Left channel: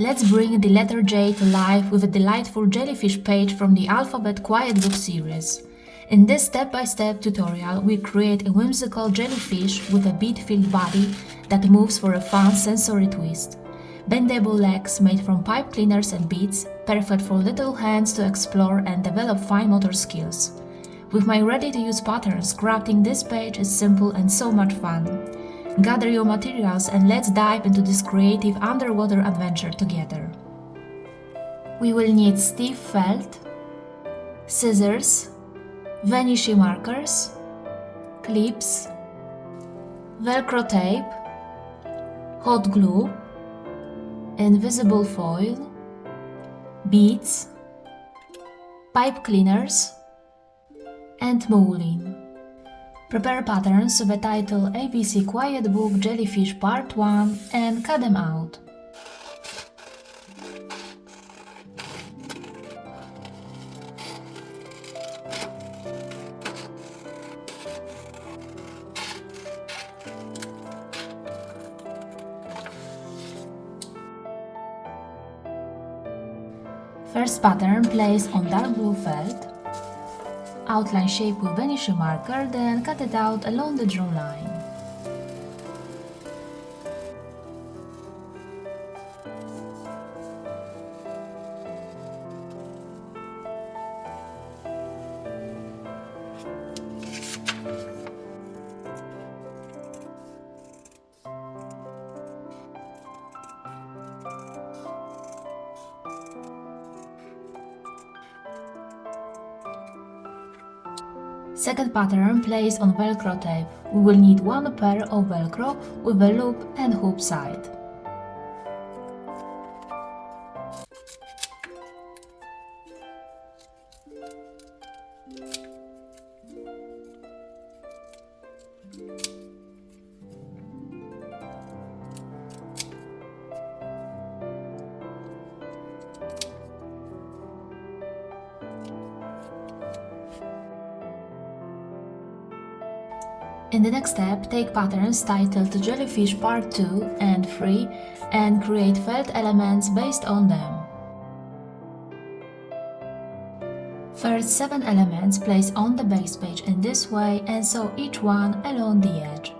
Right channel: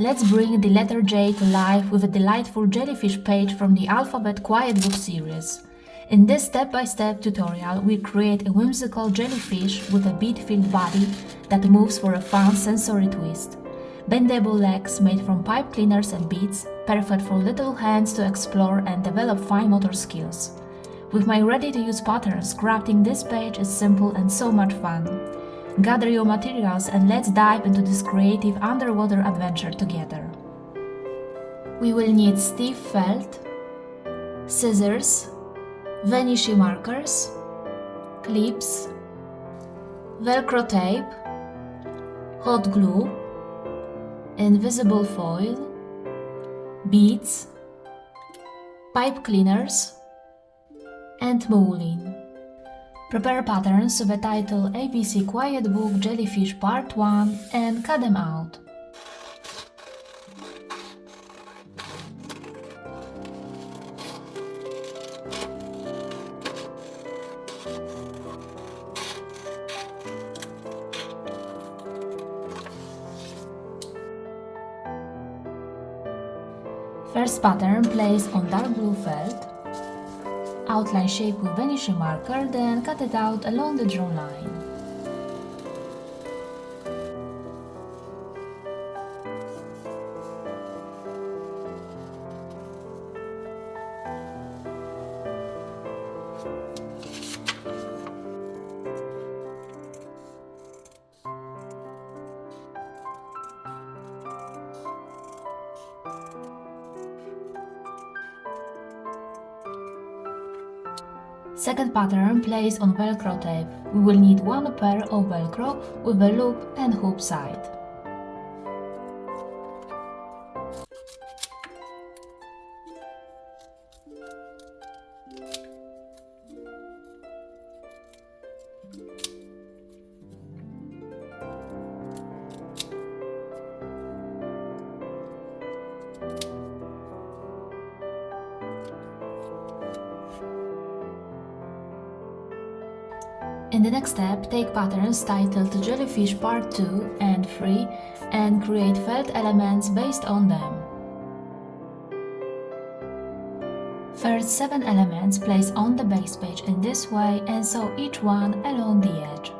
Let's bring the letter J to life with a delightful jellyfish page from the Alphabet Quiet Book series. In this step-by-step tutorial, we create a whimsical jellyfish with a bead-filled body that moves for a fun sensory twist. Bendable legs made from pipe cleaners and beads, perfect for little hands to explore and develop fine motor skills. With my ready-to-use patterns, crafting this page is simple and so much fun. Gather your materials and let's dive into this creative underwater adventure together. We will need stiff felt, scissors, vanishing markers, clips, velcro tape, hot glue, invisible foil, beads, pipe cleaners, and mulin. Prepare patterns with the title ABC Quiet Book Jellyfish Part 1 and cut them out. First pattern place on dark blue felt. Outline shape with vanishing marker, then cut it out along the drawn line. Second pattern placed on velcro tape. We will need one pair of velcro with a loop and hoop side. In the next step, take patterns titled Jellyfish Part 2 and 3 and create felt elements based on them. First 7 elements place on the base page in this way and sew each one along the edge.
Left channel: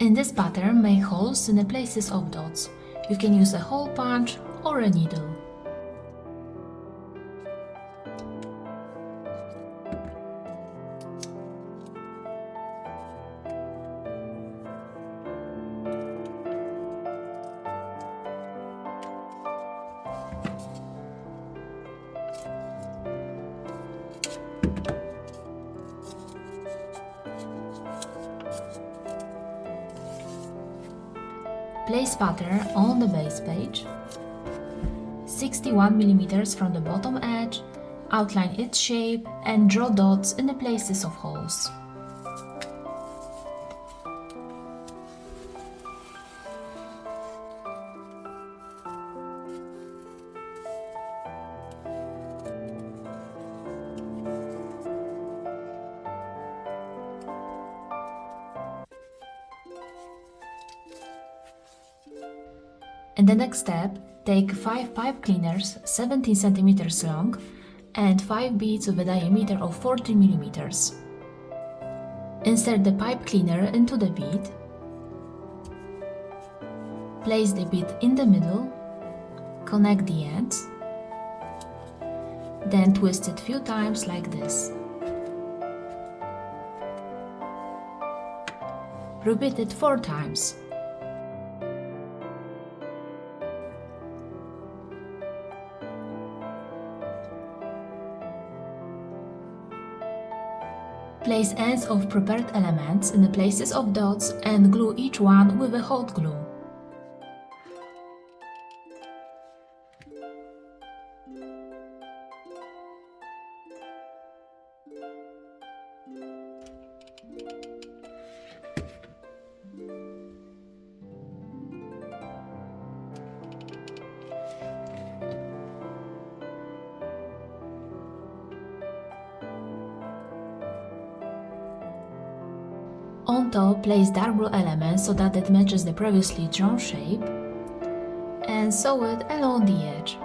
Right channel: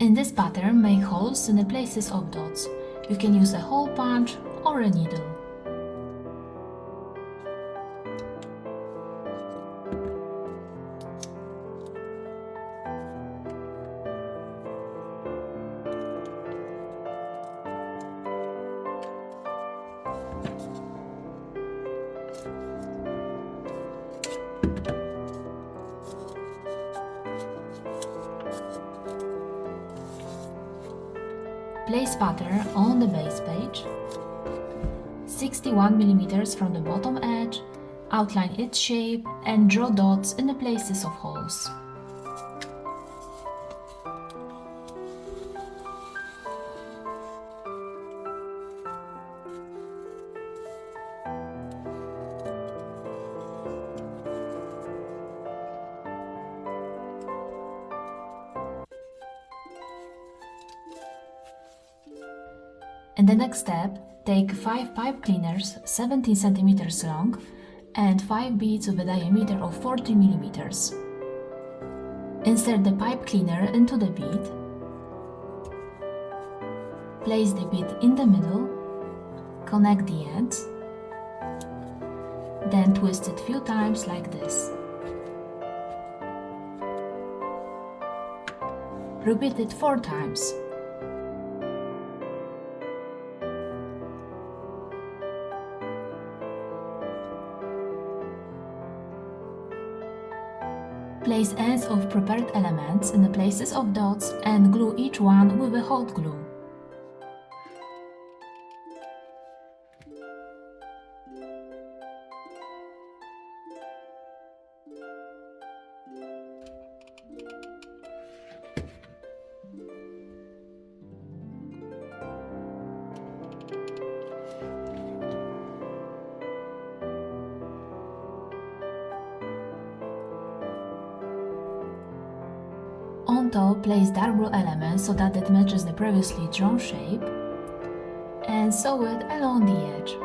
In this pattern, make holes in the places of dots. You can use a hole punch or a needle. Place pattern on the base page, 61 mm from the bottom edge, outline its shape and draw dots in the places of holes. In the next step, take 5 pipe cleaners 17 cm long and 5 beads with a diameter of 40 mm. Insert the pipe cleaner into the bead. Place the bead in the middle, connect the ends, then twist it few times like this. Repeat it 4 times. Place ends of prepared elements in the places of dots and glue each one with a hot glue. On top, place dark blue element so that it matches the previously drawn shape, and sew it along the edge.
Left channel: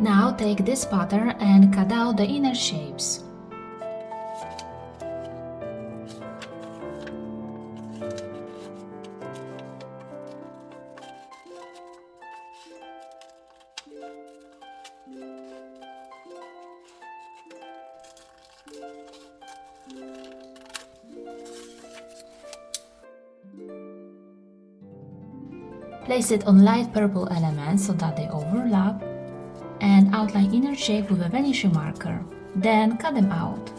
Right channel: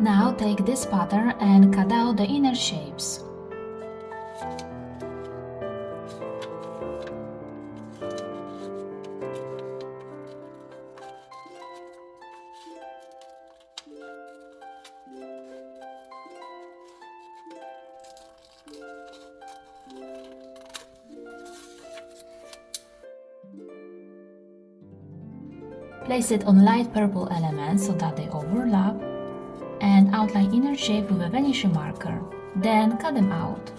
Now take this pattern and cut out the inner shapes. Place it on light purple elements so that they overlap, and outline inner shape with a vanishing marker. Then cut them out.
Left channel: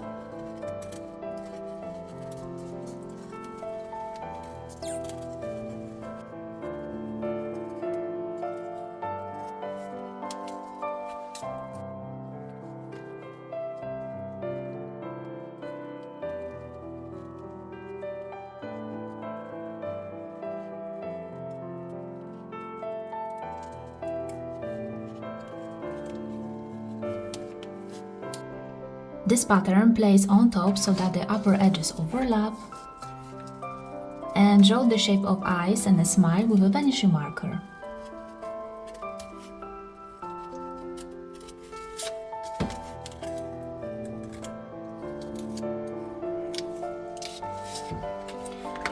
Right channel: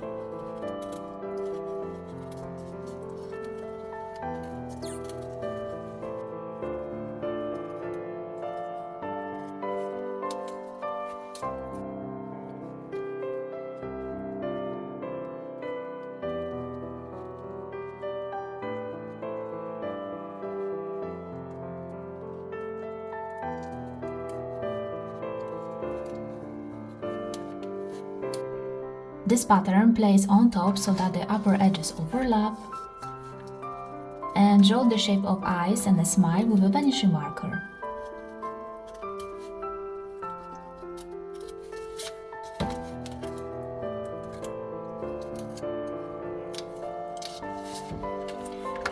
This pattern place on top so that the upper edges overlap, and draw the shape of eyes and a smile with a vanishing marker.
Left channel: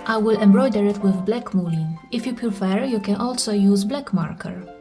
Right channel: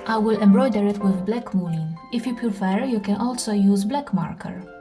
I will embroider it with black mulin. If you prefer, you can also use black marker.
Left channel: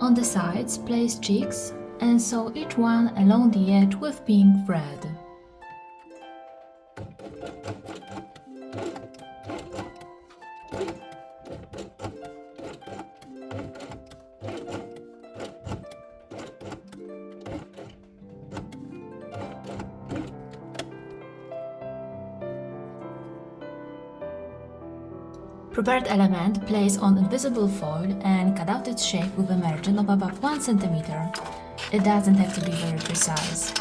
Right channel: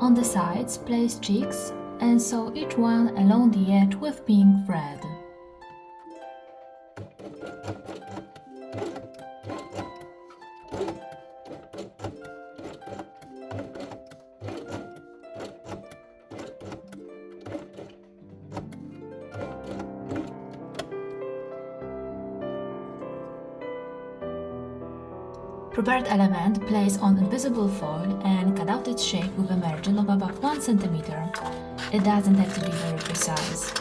On the sides, place cheeks and sew each one along the edge with pink thread. Prepared element place on invisible foil and cut out its shape with a margin of about 1 cm. It doesn't have to be very precise.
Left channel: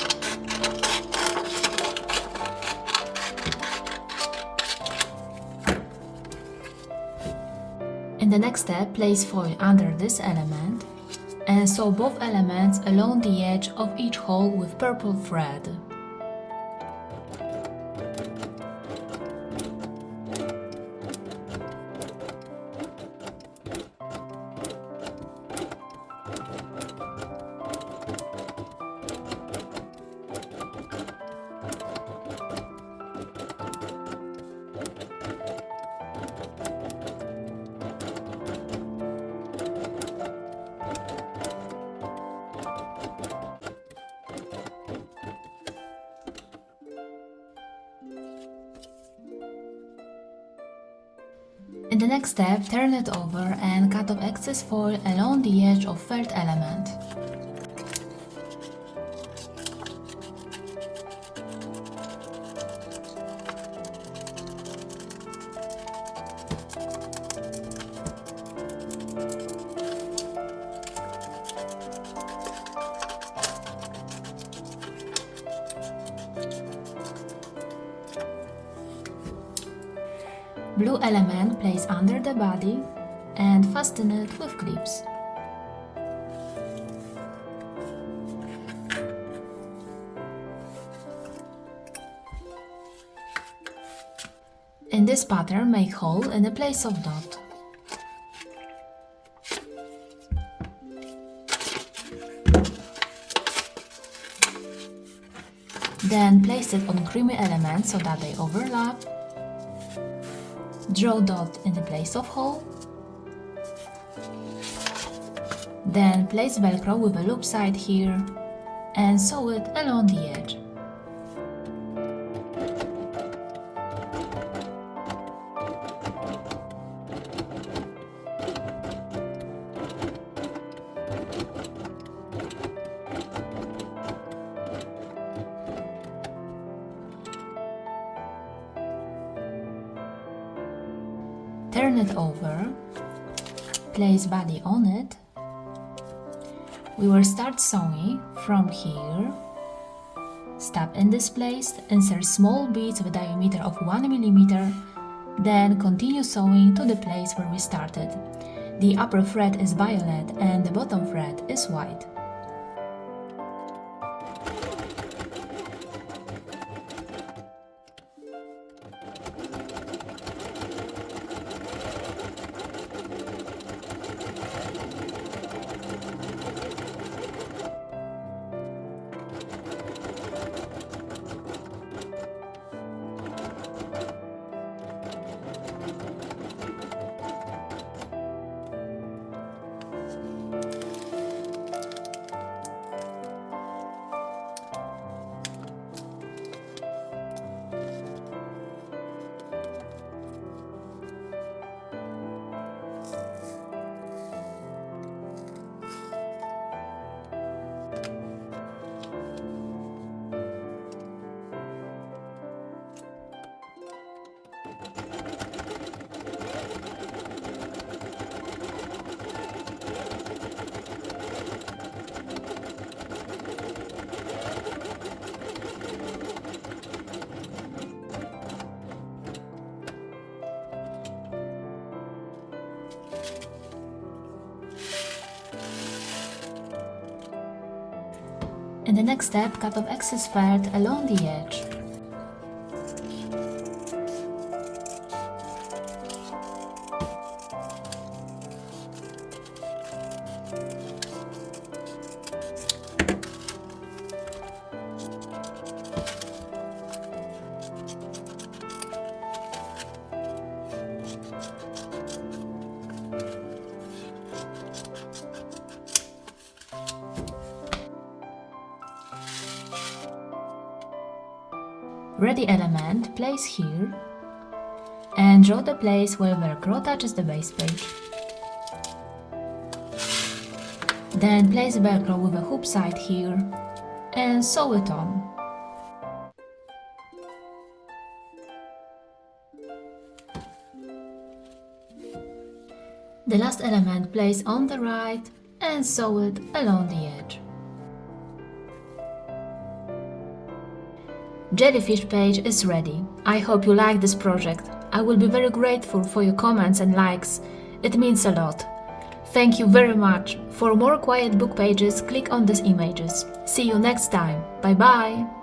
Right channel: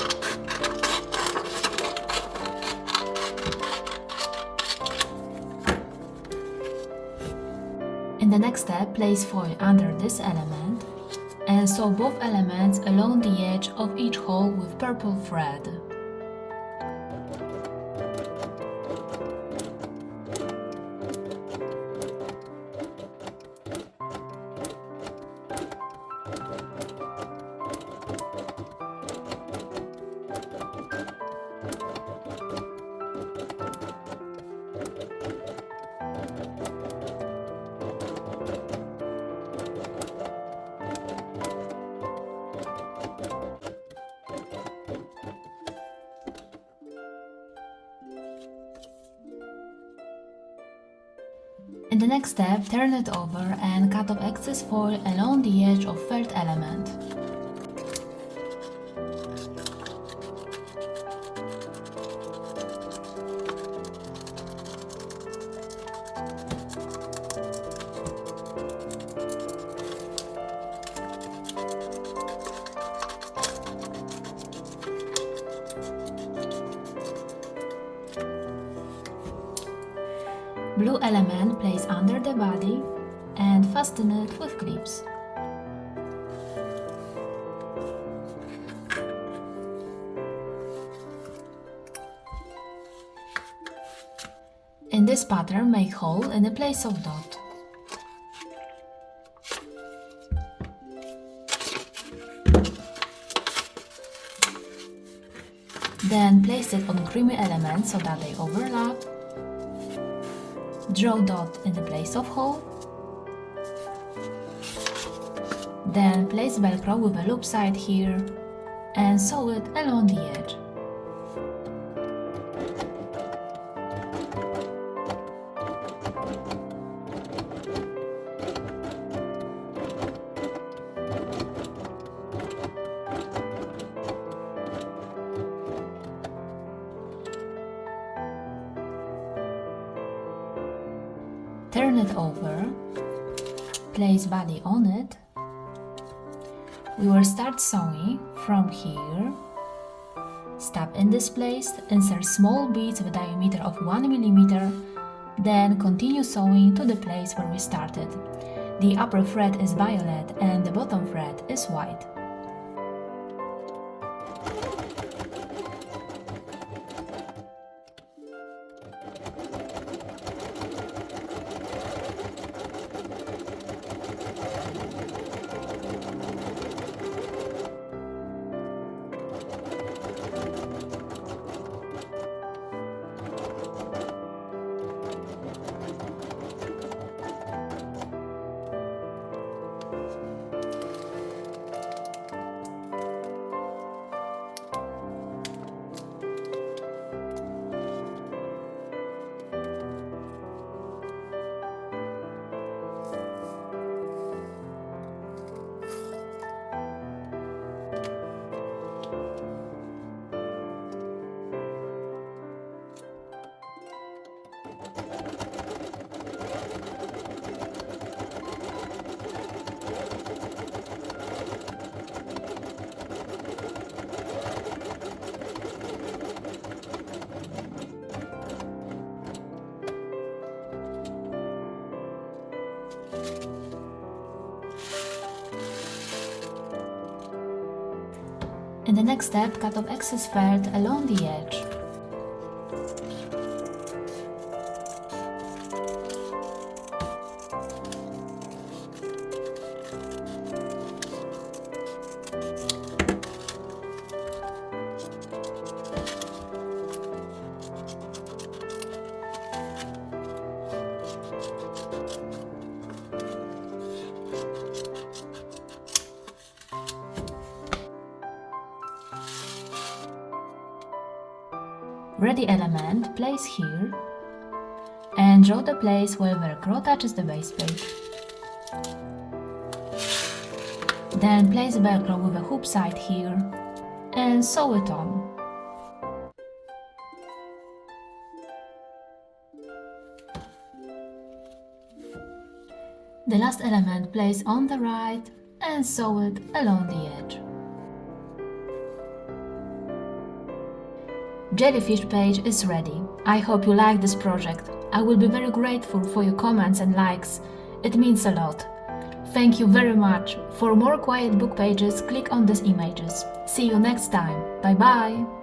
In the next step, place foil under this element and sew both elements along the edge of each hole with purple thread. In the next step, turn it over and cut off excess foil along the edge of third element. Blue element place under the body and fasten it with clips. In this pattern, make hole in the place of dot. Then place it on creamy elements so that they overlap. Draw dot in the place of hole. Then place Velcro with a loop side here and sew it along the edge. Turn it over, place body on it. We will start sewing from here. Stop in this place, insert small beads with a diameter of 1 mm, then continue sewing to the place where we started. The upper thread is violet and the bottom thread is white. In the next step, cut off excess felt along the edge. Ready element, place here and draw the place where Velcro touches the base page. Then place Velcro with a hoop side here and sew it on. The last element place on the right and sew it along the edge. Jellyfish page is ready. I hope you like this project. I will be very grateful for your comments and likes. It means a lot. Thank you very much. For more quiet book pages, click on these images. See you next time. Bye bye!